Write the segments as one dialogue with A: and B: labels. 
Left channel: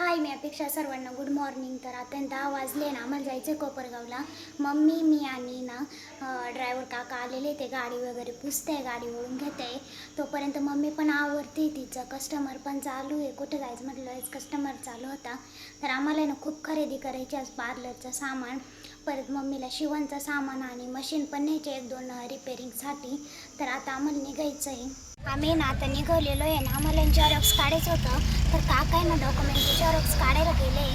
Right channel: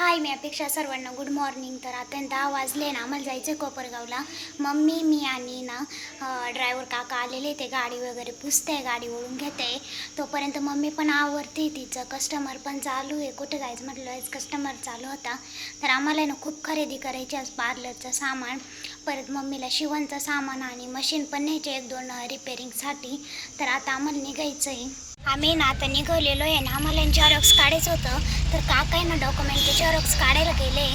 A: हाय मी अपेक्षा सर्वांना good morning तर आता दहा वाजले ना आम्हाला जायचं आहे कोपरगावला. मम्मी मी आणि ना ड्रायव्हर काका आलेले ते गाडी वगैरे पुसते गाडी ओढून घेते. तोपर्यंत मम्मी पण आवरते तिचं कस्टमर पण चालू आहे. कुठं जायचं म्हटलं कस्टमर चालू होता. तर आम्हाला ना खूप खरेदी करायची आज पार्लरचं सामान. परत मम्मीला शिवणचं सामान आणि मशीन पण न्यायचे एक दोन रिपेरिंगसाठी तर आता आम्हाला निघायचं आहे आम्ही ना आता निघालेलो आहे ना आम्हाला झेरॉक्स काढायचं होतं. तर काका आहे ना डॉक्युमेंटचे झेरॉक्स काढायला गेले.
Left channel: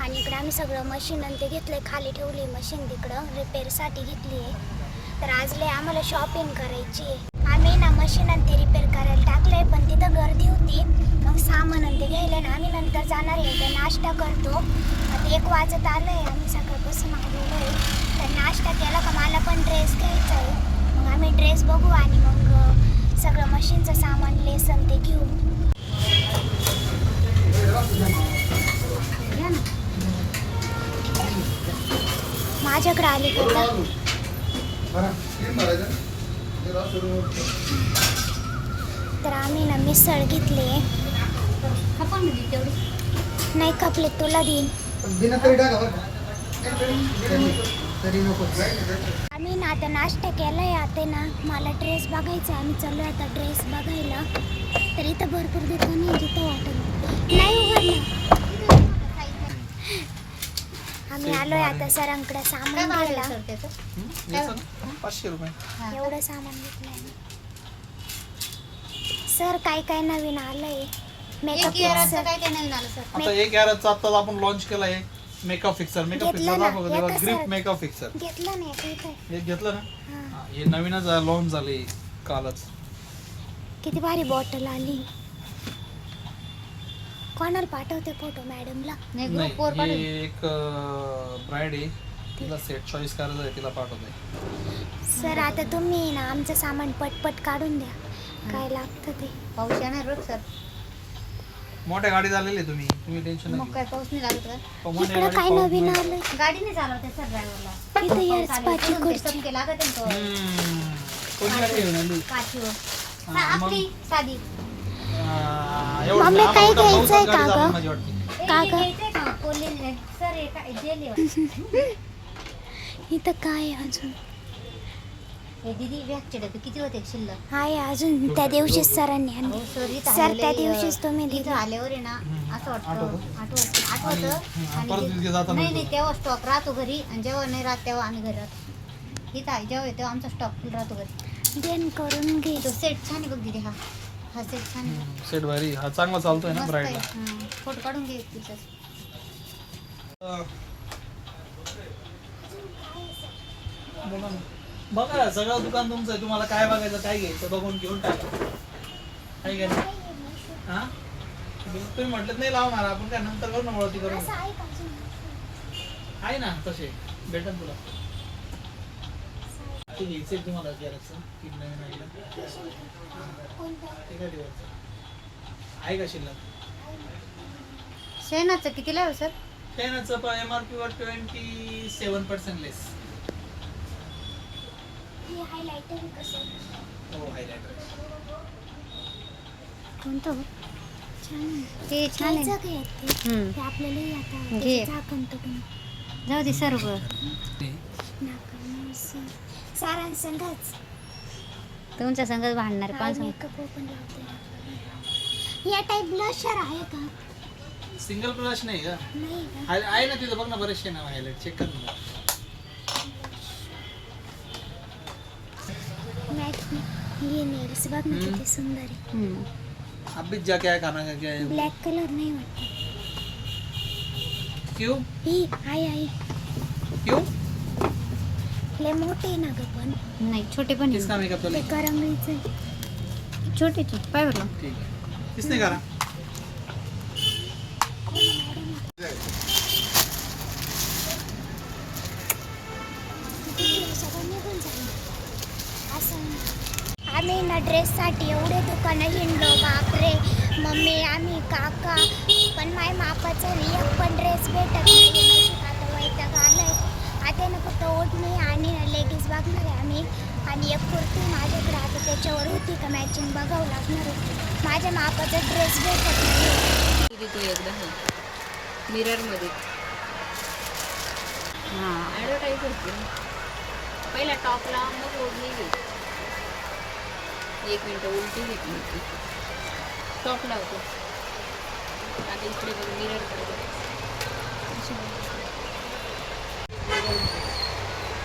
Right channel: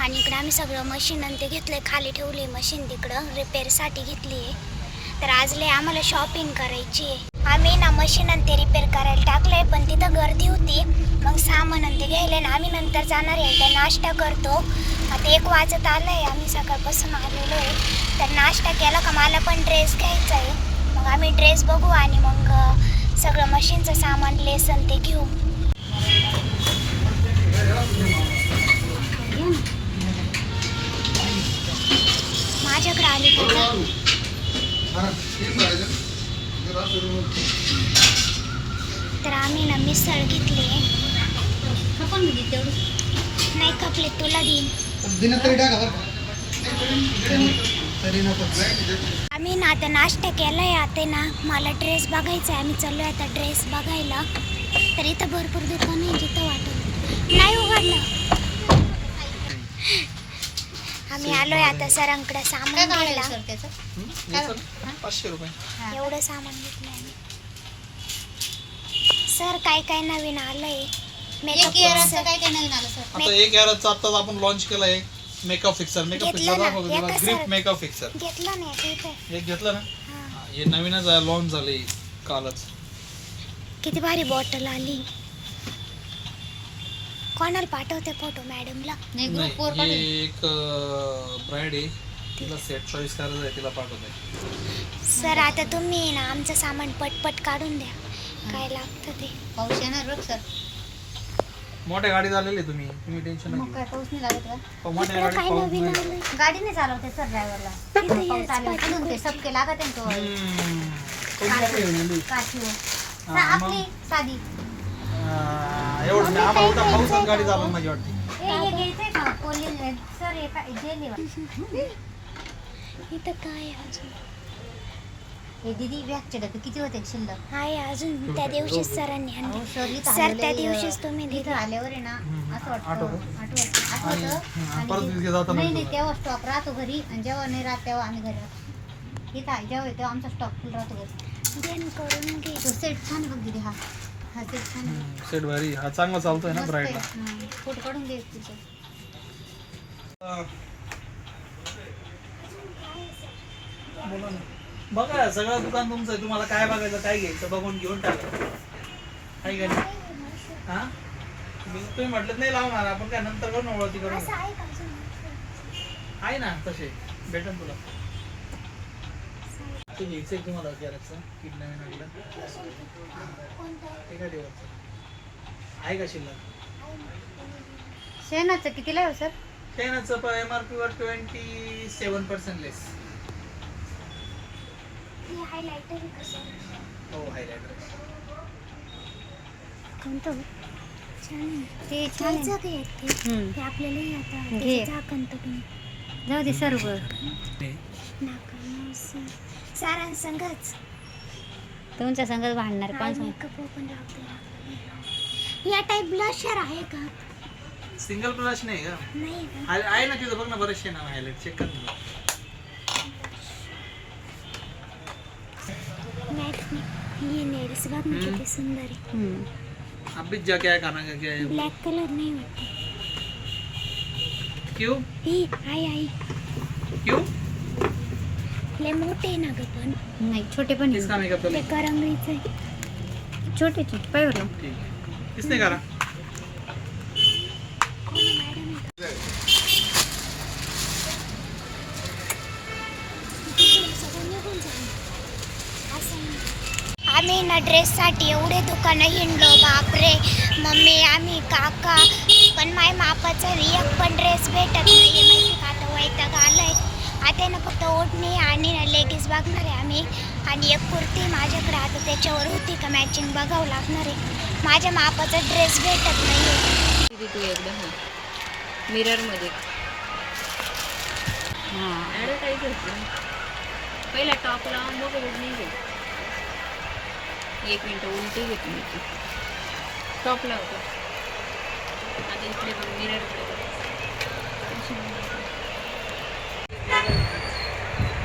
A: आणि इकडे आम्ही सगळं मशीन आणि ते घेतलं खाली ठेवली मशीन तिकडं रिपेअरसाठी घेतली आहे. तर आज लय आम्हाला शॉपिंग करायची आहे. आम्ही ना मशीन आणि ते रिपेअर करायला टाकलं आहे पण तिथं गर्दी होती. मग सामान आणि ते घ्यायला ना आम्ही नंतर जाणार आहे. तर नाश्ता करतो. आता एक वाजत आलं आहे आम्ही सकाळपासून आलेलो आहे. तर नाश्ता केला का मला पण ड्रेस घ्यायचा आहे. मग आम्ही ड्रेस बघू आणि मग सगळं मशीनचं सामान लेसन ते घेऊ. माझ्याकडे आली तर आम्ही ना मिसळ घेतली
B: म्हणजे
A: नाही खपले तुला देईन.
C: दिन तरी टाका बरं का. तरी नको.
A: आम्ही ना आता नाश्ता केलाय आता ना. मला ड्रेस बघायचा आहे आम्ही चाललोय आता ड्रेस बघायला. तर इथं भरपूर दुकान आहे जिथं वाटत नाही उघडलं. आम्ही आलोय आता सरांकडे सामान
B: आहे
A: घ्यायला
B: हा.
A: एवढं सामान घेतलंय आम्ही. सर काय काय नवीन मेकअप
B: आलं सर?
C: आता एक याराचा आत्ताच आपण लॉन्च केला आहे मेकअप फिक्सर मेकअप
A: घेतलं
C: फिक्सर
A: ना,
C: दाखव ग्रिप मेकअप फिक्सर
A: घेतलं नाही इथं
C: एक घेतलं ना?
A: हा.
C: हे नवीनच लॉन्च झाले कालच.
A: किती भारी बॉटल आली. कोणाला पाठवते फोटो मॅडमला
B: नाही
C: नाही
B: ग्रुप वर
C: हे
B: पाठव.
C: एक ब्राईड आहे. तिला सेट चॉईस करायचं आहे तिला पाठवते.
A: सर आता तुम्ही ना आमचं सामान पटपट काढून द्या. काय लागतं ते?
B: पाऊस येणार सर.
C: मोठ्या गाडी झालेली तुम्ही तुम्ही टेन्शन
B: मग काय पाऊस नाही लागत का
C: नका मोठ्या गाडी
A: काय
C: पाऊस
A: नवीन
C: नाही.
A: आलं
B: गाडी नाही चालवते सर ड्रायव्हरला पाऊस आले
A: पाठी
B: म्हणून ते. सबके लागत आहे ना तो.
C: हम्म. कोणती गाडी घेऊन आली
B: काठीवर
C: हा,
B: सा-
C: मग?
B: आपली साधी
C: आ, एवढं
A: मम्मी,
C: नाही आम्हाला
A: काय
C: उलटं
A: घ्यायचंय
C: पावसात गाडी
A: का
C: चालवून
A: गं?
C: माझी वाटते
B: ए,
A: का
B: हे? घ्यायचंय का सर एका जेली
A: इथं काय आहे अजून
B: हे दिदी बॅगचे डबे किती होते शिल्लक?
A: आहे अजून त्या दिवशीच सरांनी
B: अहो
A: आणलं
B: सर इथं
A: सर त्या
B: आलेले,
A: दिवशीच तुम्ही
B: इथं
A: दिलं.
B: आल्यावर आहे ना. असं वाटतं.
C: आठवतं?
B: आठवतं.
C: आणि
B: आठवतं.
C: हा,
B: आणि
C: परत
B: ते-
C: तिथे जाताना
B: नाही नाही. तेव्हा स्टॉक राहतो घरी आणि जेव्हा नाही राहत तेव्हा आम्ही घरी राहतो. ठीक आहे जेव्हा येतो आमचा स्टॉक फुल राहतो घरी.
A: देण करून घे.
B: तो सेट छान आहे बघ दिदी हा. हा सेट छान आहे.
C: सेट भारी हा चांगला चालतोय ना
B: मस्त आहे.
C: ब्राईडला
B: हम्म. फोटो काढून घे
C: बोला ना. बघा सगळं दुकान तुमचं आहे. तुम्हाला काय बघायचं काय घ्यायचं बघून घेऊन टाका. आहे का नाही? हा? तुम्ही म्हटलं नाही लावणार. आपण काय नंतर करू ना ओळखी करू
A: आहे
C: ना तसे. भेटन तुला. ते घ्यायचं आहे तुम्हाला काय ठेवायचं. आहे का शिल्लक?
B: शेणाचं कितीला आहे हो सर?
C: शेणाचं एम आर पी वर ट्वेंटी सेवन पर्सेंट लेस
A: हे
B: कोणतं?
A: छान.
B: ते छान आहे.
A: ते?
B: हम्म.
A: ते आपल्यालाही आता
B: घे.
A: त्याचं झाकण तुटून
B: जाऊ दे सर्व. तुमच्या संगच भांडणार कोण सांग
A: मेकअप ओपन लावते. या टाईप ब्लशर आहे का?
C: सिंगल ब्रश नाही का?
A: नाही का?
C: हाय- आहे ना तिथं. बघ ना बरेचसे नाव हायलाइट चेक कर ना.
A: ये नेल्स बघ ना. किती सुंदर। आहे
B: हम्म.
C: अभी जा क्या करना है क्या है?
A: ब्लॅक कलर नाही वाटत
C: क्यों?
A: ही आई आई
C: क्यों?
A: लय मोठे आहे ना ग पण
B: नाही छोटे पण
C: किसका मेकअप
A: ते
C: चले?
A: करंगळीचं आहे
B: छोटेचे पाय बरं
C: ठीक है। किसने करा?
A: ना, मॅडम किती सगळं निघून जाईल असं आहे. आम्ही ना ड्रेससाठी एवढे दुकानं हिंडलो. बापरे. मम्मी आम्ही काका. पण माय मापाचा एक पण ड्रेस भेटत नाही आहे माहिती का? आता वैताग आलाय. आता ना फक्त ओढणी आणि ना लेगीज बघणार आहे आम्ही. आणि एक कुर्ती माझ्याकडे आता त्याच्यावर होती का मॅचिंग बघावं लागणार आहे. माझ्या मापाचा ड्रेस भेटत नाही आहे
B: तू एकदम मिररमध्ये हां.
D: पहिला टॉप लावून मग ओढणी घेऊ. एक मिनटं उलटी घेतली होती टॉप लावतो आता इकडे बघ मिररकडे बघ मिरर.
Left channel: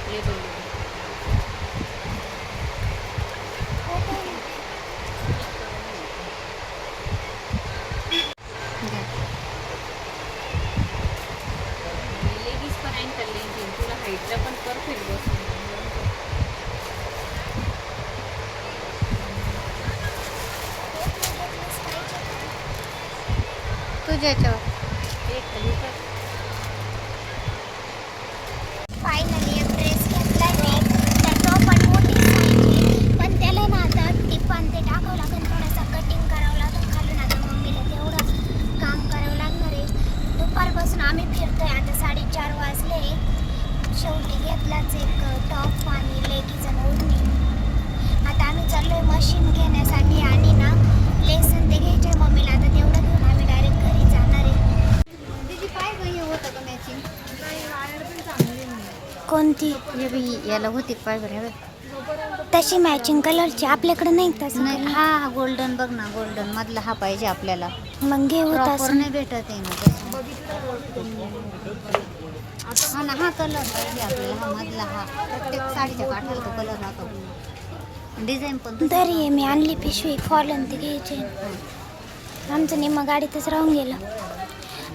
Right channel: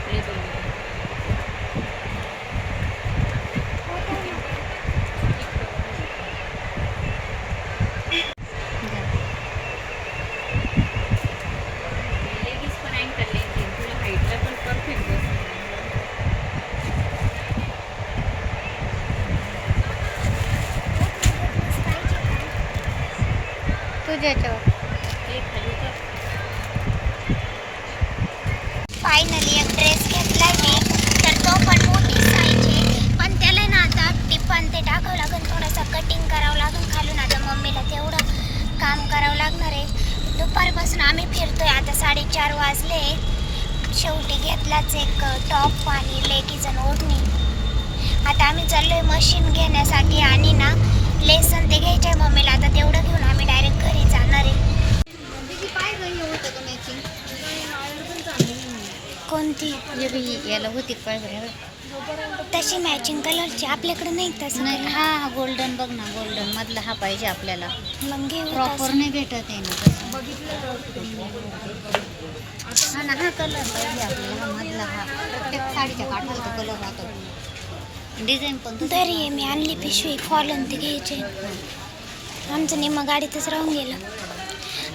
D: हे बघ.
B: પૂજે છો ફાઇનલી
A: कोणती?
B: याला होती पाय बरं
A: तशी मॅचिंग कलरची आपल्याकडे नाही तसं
B: नाही हा हा गोल्डन बघ ना गोल्डन मधला हा पाहिजे आपल्याला.
A: मग घेऊ
B: प्रॉपर नाही भेटत आहे ना. हा ना हा कलर पाहिजे आपल्याला मधला हा. प्रत्येक साडीच्या काठावर कलर होतो. डिझाईन पण.
A: तरी आहे मी आणली पिशवी. कॉलन ते घ्यायचे. आमचं निम्मा गाडीतच राहून गेलं.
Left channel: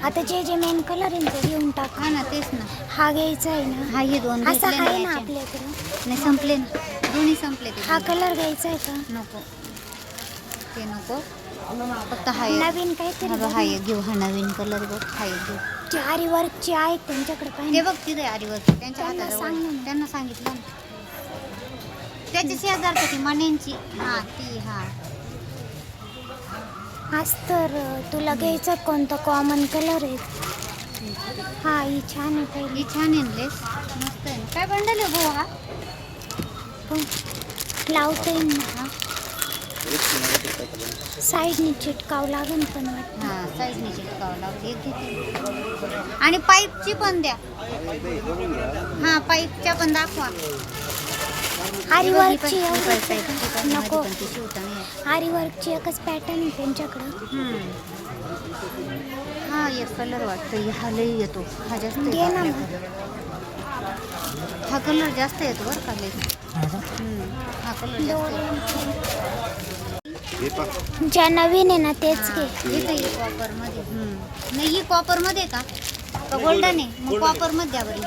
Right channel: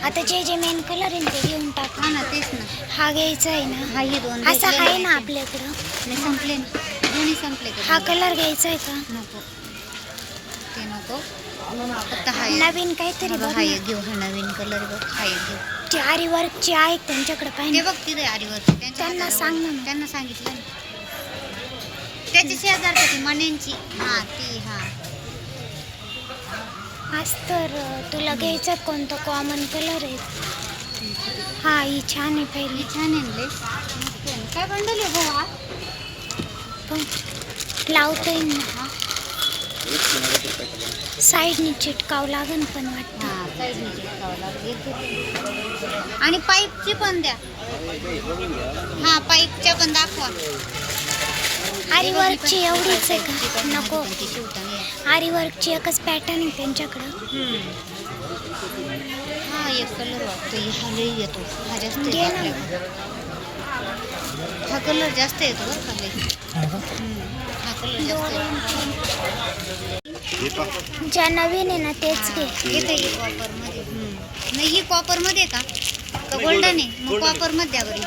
A: आता जे जे मेन कलर आहे ते घेऊन टाक.
B: हा ना तेच ना.
A: हा घ्यायचा आहे ना.
B: हा ही दोन
A: असा
B: घेतलेले
A: आहे ना
B: आहेत.
A: आपल्याकडं.
B: नाही संपले ना. दोन्ही संपले ते
A: हा कलर घ्यायचा आहे का?
B: नको. ते नको. फक्त हा एक-
A: नवीन काहीतरी
B: हा
A: बघ
B: बघ, हा
A: ना.
B: एक घेऊ हा नवीन कलर बघ हा एक घेऊ.
A: ते आरी वर्कचे आहेत त्यांच्याकडे
B: ते
A: पाहिजे
B: बघ तिथे आरीवरती त्यांच्या
A: त्यांना
B: हातावर-
A: सांग ना मग.
B: त्यांना सांगितलं ना. त्याची शेजारची ती मण्यांची. हा ती हा.
A: आज तर तुला घ्यायचा कोणता कॉमन कलर आहे? हा ही छान आहे पहिली.
B: छान आहे. काय बंडल आहे हा?
A: पण लावता येईल ना.
B: हा
A: साईडने चिटकावं लागेल पण वाटतं.
B: हा चिटकावं लागेल. एक घेते. आणि पाईपची पण द्या. हा पाईपच्या पण दाखवा.
A: आरी वर्कची एवढीच आहे का? नको.
B: मध्ये पण ती शिवता नाही येत.
A: आरी वर्कची एकच पॅटर्न आहे त्यांच्याकडं.
B: हा एक कलर वाटतो हा लई येतो हा जास्त
A: घे
B: येतो
A: ना
B: आपल्याकडे. हा कलर जास्त येतो बरं का लई. हम्म. हा कलर जास्त येतो.
A: ज्या नवीन आहे ना तेच घे
B: येते ही कॉपरमध्ये नाही ही कॉपरमध्ये का का गोल्डन आहे मग कॉपरमध्ये द्या बरी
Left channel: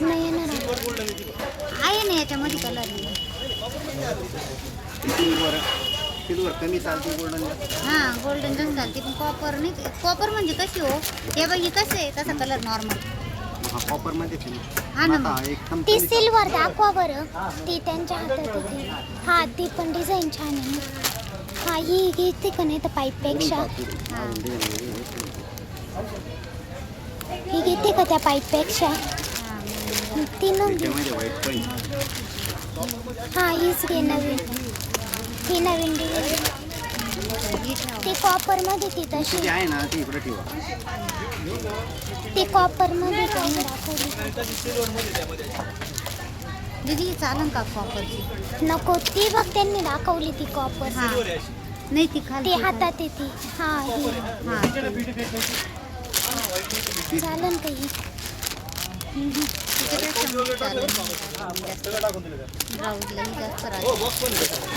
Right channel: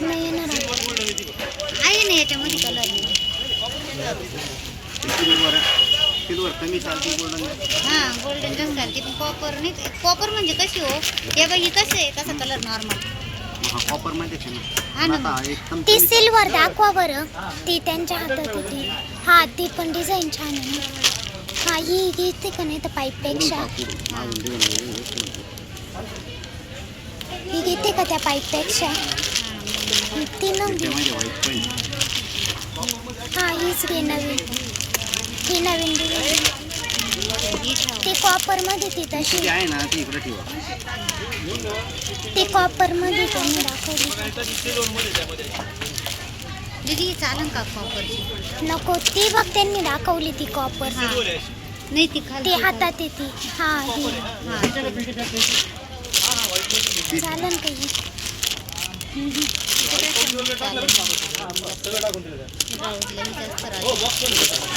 A: नाही येणार आता.
B: आहे ना याच्यामध्ये कलर
E: सिल्वर सिल्वर कमी चालते गोल्डन
B: गोल्डन जास्त घालते पण कॉपर नाही कॉपर म्हणजे कशी हो? हे बघ ही कसं आहे? तसा कलर नॉर्मल
E: कॉपरमध्ये
B: हा
E: ना आता एकदम
A: ती
E: कमी
A: सिल्वर दाखवा बरं. ती त्यांच्या हातात होती. हा ती पण डिझाईन छान आहे ना. हा ही घेते का नाही तर पाईपपेक्षा.
E: चालते. मागून
A: ही घेते का त्या पाईपपेक्षा? ती न घे
E: व्हाईट पण
A: हा हीच घे नवीन. ही नवीन डिझाईन
B: ही ठेवा.
A: ती कॉपरमध्ये ती तशी
E: आहे ना ती इकडे ठेवा.
A: ती कॉपरमध्ये त्यांनी दाखवली
B: दीदी चालेल का कॉपरची
A: नको ती बघ त्यांनी दाखवली ती कॉपर
B: नाही ती
A: ती हातात येते हा ही. चालन का ही
B: ही.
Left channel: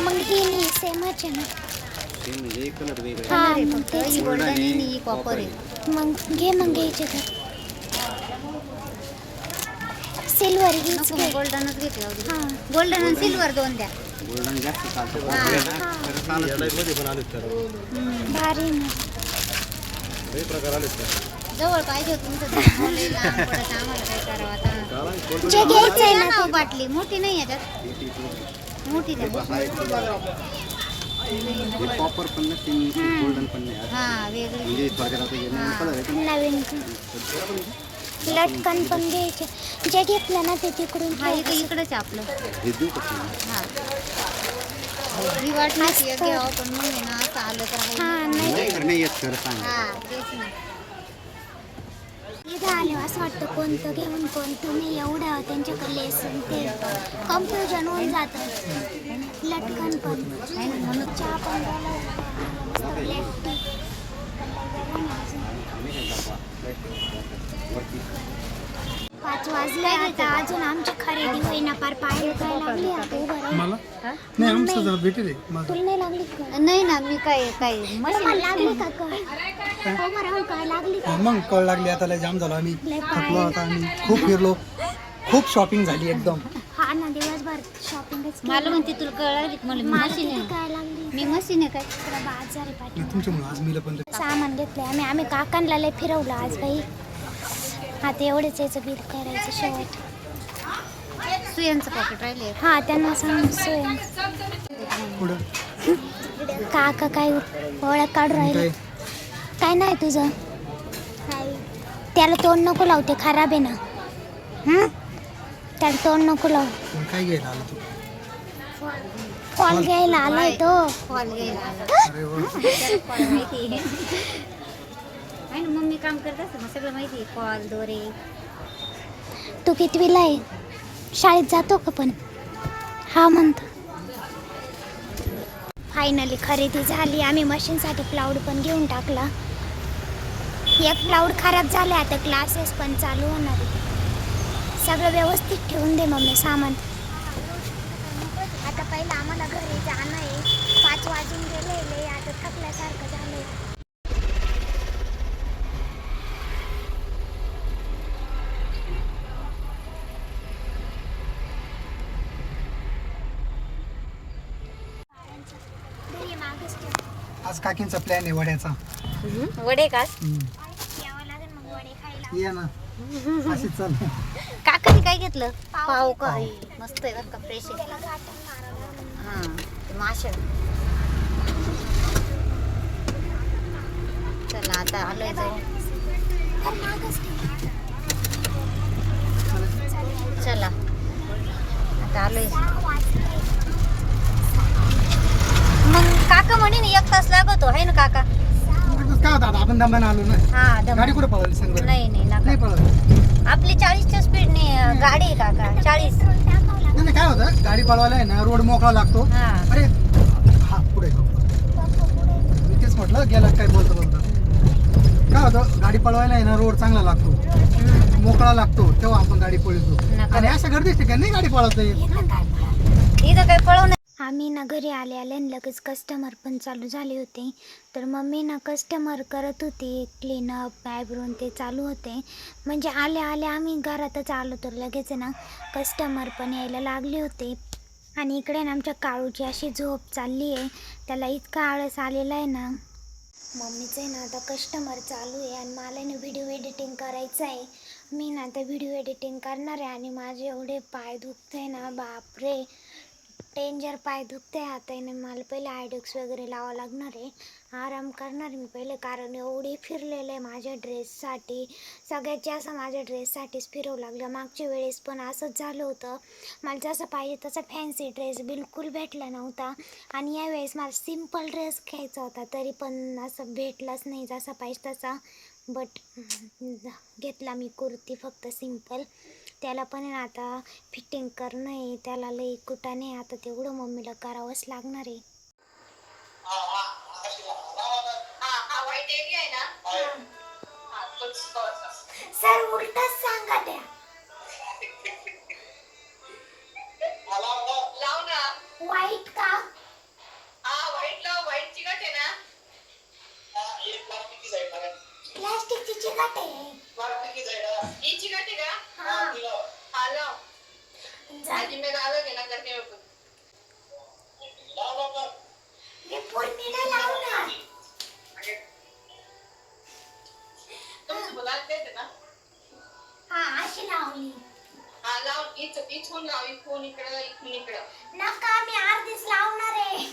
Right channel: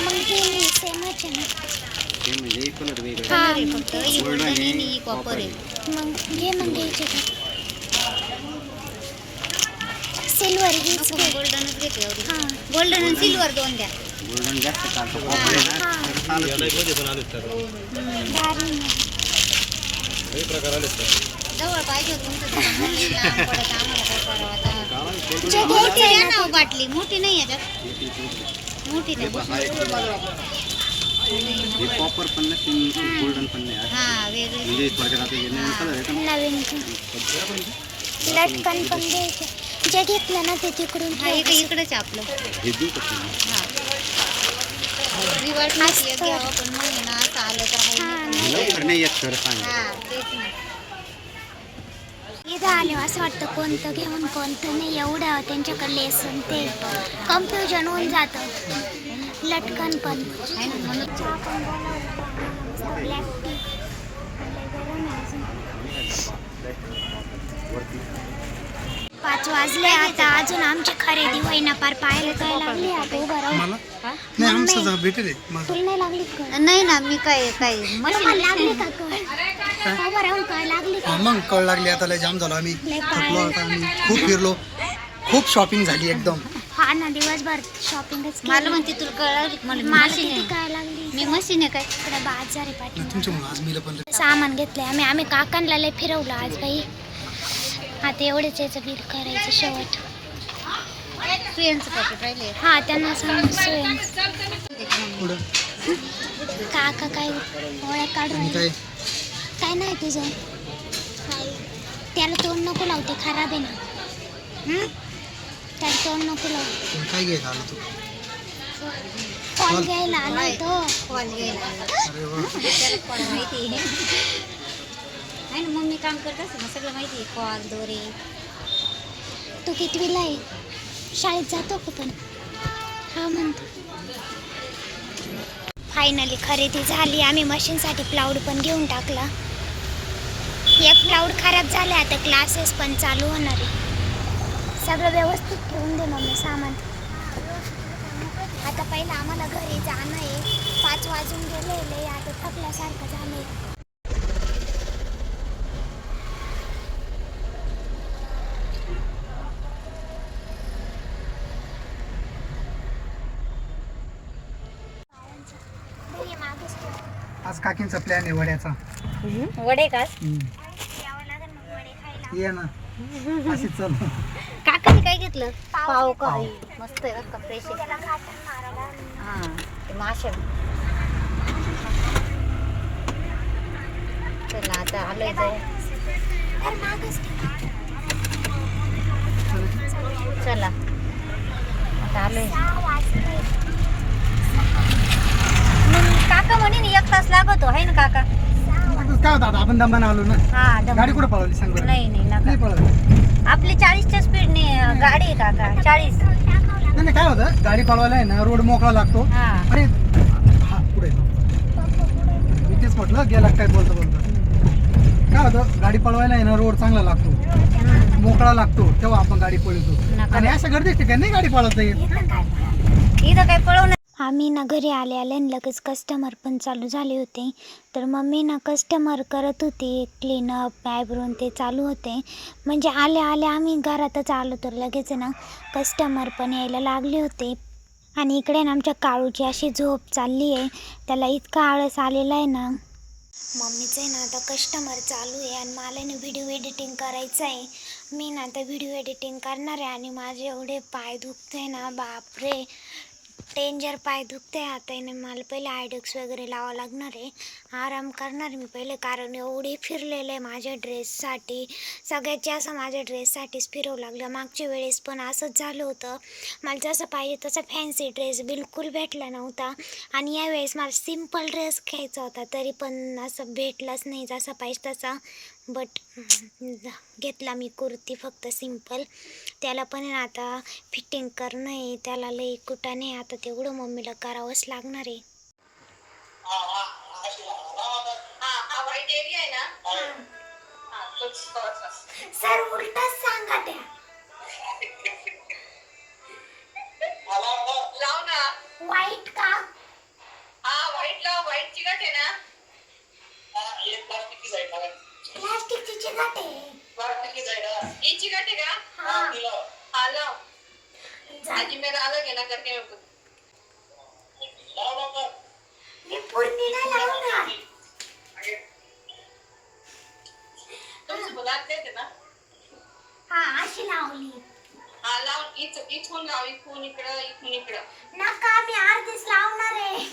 A: मग ही नाही सेमच आहे ना
E: ते म्हणजे एक कलर वेगळा
A: हा मग. तेच
B: ही
E: गोल्डन
B: गोल्डन आहे
E: आहे,
B: आणि ही कॉपर आहे
A: मग घे मग घ्यायचे तर सिल्वर हीच घे
B: गोल्डनच घेते एवढी
A: हा
B: गोल्डन आणि सिल्वर दोन द्या
E: गोल्डन जास्त चालतो कॉपर आहे ना
A: हा.
E: तर चालत नाही.
A: भारी ना
B: जवळ पाहिजे तुमचं लांब पडत आम्हाला काय करावं आता
A: जे घ्यायचं
B: मोठी
A: आहे
B: द्या
A: ना
B: ना हो बाटली मोठी नाही याच्यात
E: ते- ते- ते-
B: मोठी द्या
E: हा एक हे कॉपर पण नाही गोल्डन पण नाही असं.
B: हा वेगळी
E: म्हणजे थोडक्यात आता हे नवीन कलर आहे
A: ते नवीन लटकन पण घ्यायचे जे घेतलं ना ते तिकडून
B: हा इकडे
A: ठेव
B: इकडेच आहे आपलं
E: हे देऊ का तुम्ही?
B: मी वाटली
A: असतं.
B: की घ्यावं पण नाही ना असं आलं तर
A: हा
B: आहे.
A: नाही
E: लवकर नाही येत खरं सांग
B: हा तेच ना
A: इथं आले असं वाटतं. कोणतं घेऊन कोणतं नाही. एवढं त्यांच्याकडे लेसन ते कन्फ्युजन होऊन जातं. लटकन पण. चहा पण ब्लॅक टी पाच वाजले आता. अजून आमची खरेदी होईना. पार पाहायला काय लागली आता? उभं राहून
F: नाही आमचं जा भेटेल मला
A: तुला नाही लागली का?
B: नाही ना मी काय काय मशीन
A: लागली का? उभं राहून काय लागली का
F: मग कळ लागली आता लय जाम झालो आम्ही.
A: लय
F: थकलो
A: पाय
F: आता आम्ही खूप फिरलो. खूप शॉपिंग झाली एकदम.
A: हा ना दिवसभर शॉपिंगच
B: मला म्हणते तुला? मला मशीन आहे.
A: काय लागली?
B: मी मशीन आहे काय?
A: इकडे बाजार आहे पाठी
F: तुमच्यामुळे आज मिलं पण लय-
A: सामान घेतले आम्ही. आम्ही काकांना लय फिरवलं आज बाई. आता एवढेच याचं बिल करायचं शेवट.
B: सुयांचं पॅकेट राहिले
A: हा त्यांना सांग सोय
F: पुढं.
A: काका काय ओळख काढ
F: आणि
A: राहिले?
F: काय
A: नाही तुझं? त्याला तोंड नको लावते खराब आहे ना. हं? त्याला तोंड नको लावू.
F: काय घ्यायला आला तू?
A: फॉल घ्यायला आलाय तो.
F: अरे वा.
B: माहिती आहे. आणि मम्मी काम करत असते ना सगळं माहिती आहे. कॉल दोरे.
A: तू कितवीला आहे? शाळेत जातो का पण? हा म्हणतो. फायनली खरेदी झाली. आम्ही मशीनसाठी प्लाऊड पण घेऊन टाकला. एक प्लाऊड खराब झाले आता क्लासेस पण चालू होणार आहे. सगळं व्यवस्थित ठेवून दे मम्मी सामान. आता पहिलं आम्हाला घरी जाणं आहे. पाच वाजून गेलेले आता थकल्यासारखं झालं आहे मागेच ठेव.
F: आज काकींचा प्लॅन आहे वड्याचा.
B: वडे का?
F: हम्म. ये ना. अशी चल.
B: काकाने काय घेतलं?
A: पाव.
B: पाव. का मस्त आहे बरं का फ्रेश आहे. हा ते माशा चला आता आलोय जाऊ. चला. आता आलोय. मग काका म्हणे ना एक तास लागतो आहे ना काका?
F: काय होतं आपण दमाने आलो ना.
B: हा दम-
F: गाडी कुठे पळवली? सांग बरं.
B: नाही नाही नका.
F: नाही पळवली.
B: आपली चाळीसच्या स्पीडने गाडी आहे काका चाळीस.
F: नाही नाही, काय होतं? गाडी पळवायला आहे ना रोड मोकळा लागतो.
B: हा.
F: अरे हा पुढे जाऊ. मी तेच म्हटलं गेला काय बोलतो बोलतो. काय होतं? गाडी पळवायला आहे ना रोड चांगला लागतो. मोकळा लागतो तेव्हा आपण गाडी पळवतो.
B: नका.
F: आणि अशा गर्दीच ठिकाणी नाही गाडी पळवता येत.
B: इथं काय पळवणार?
A: आम्ही ना घरी आले आले आणि लगेच कस्टमर पण चालू झाले होते. तर मम्मी ना कस्टमर करत होती क्लीनअप आयब्रोन ते चालू होते. म्हणजे आले आले आम्ही घरातच आलो तर लगेच ना कस्टमर पण यायला लागले होते. आणि इकडे ना आमच्या काळूची अशी झोप चालली आहे. त्याला इतका आळस आलेला आहे ना. मम्मीचं आहे ना आता कस्टमर चालू आहे आणि मला ना व्हिडिओ एडिटिंग करायचं आहे. मी ना आता व्हिडिओ एडिटिंग करणार आहे आणि माझे एवढे पाय दुखते ना बापरे. डेंजर पाय दुखते हाताने. मला पहिले आयडक्स वगैरे लावावं लागणार आहे. आराम करणार मी पहिले कारण एवढी फिरलेलं आहे माझ्या ड्रेससाठी सगळ्यात जास्त माझ्या ड्रेससाठीच फिरवं लागलं. मागच्या वेळेस पण असंच झालं होतं. मला जसं पाहिजे तसा फॅन्सी ड्रेस बिलकुल भेटला नव्हता. आणि यावेळेस मला सिंपल ड्रेस घ्यायचा होता तरी पण असं भेटलाच नाही जसा पाहिजे तसा. बट घेतला मी कुर्ती फक्त सिंपल त्याला पण आता फिटिंग करणं आहे त्याला लई कुटाने आता तेवढं मम्मीला करावंच लागणार आहे सर उलटच सांगा त्या
D: हा
A: अशी लावली.
D: हा लाव इच इथून लाव इथून इकडं इथून इकडं.
A: नका मी अर्धीच लावणार आहे.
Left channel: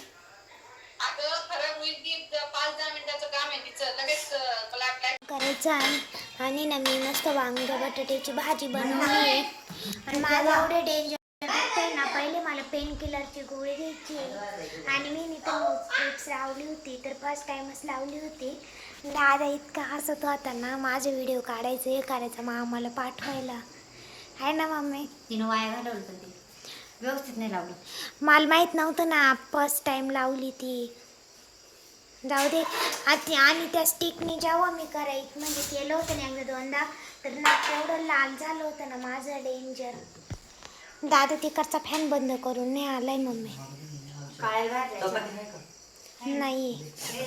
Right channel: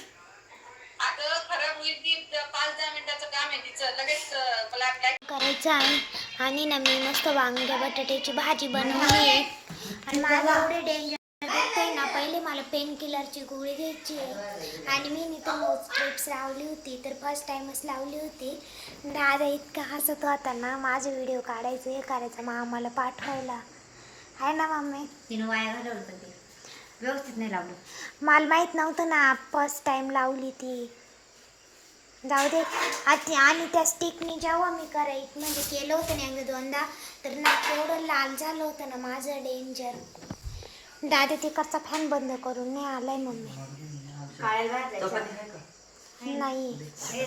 D: आता खराब होईल ती पाच दहा मिनिटाचं काम आहे तिचं. लगेच ब्लॅक ब्लॅक
A: करायचं आहे. आणि ना मी मस्त वांग्या बटाट्याची भाजी बनवली आहे. आणि माझं एवढे डेंजर ना पहिले मला पेन किलरची गोळी घ्यायची आहे. आणि मी नोट स्ट्रिप्स लावली होती तर फर्स्ट टाइमच लावली होती. दादा इतका हसत होता ना माझे व्हिडिओ काढायचं हे करायचं मग आम्हाला पाठवायला. आहे ना मम्मी?
B: तिनं वाया घालवलं पण ते. व्यवस्थित नाही लावलं.
A: मला माहीत नव्हतं ना फर्स्ट टाईम लावली ती. जाऊ दे. आती आणि त्या स्टिकनी जेव्हा मी कराय म्हणजे केलं होतं ना एकदा दोनदा तर ना तेवढं लाल झालं होतं ना माझं डेंजर दादा तिकडचा फॅन बंद करून नाही आलाय मम्मी.
B: काळे भाजायचे
A: नाही.
B: हे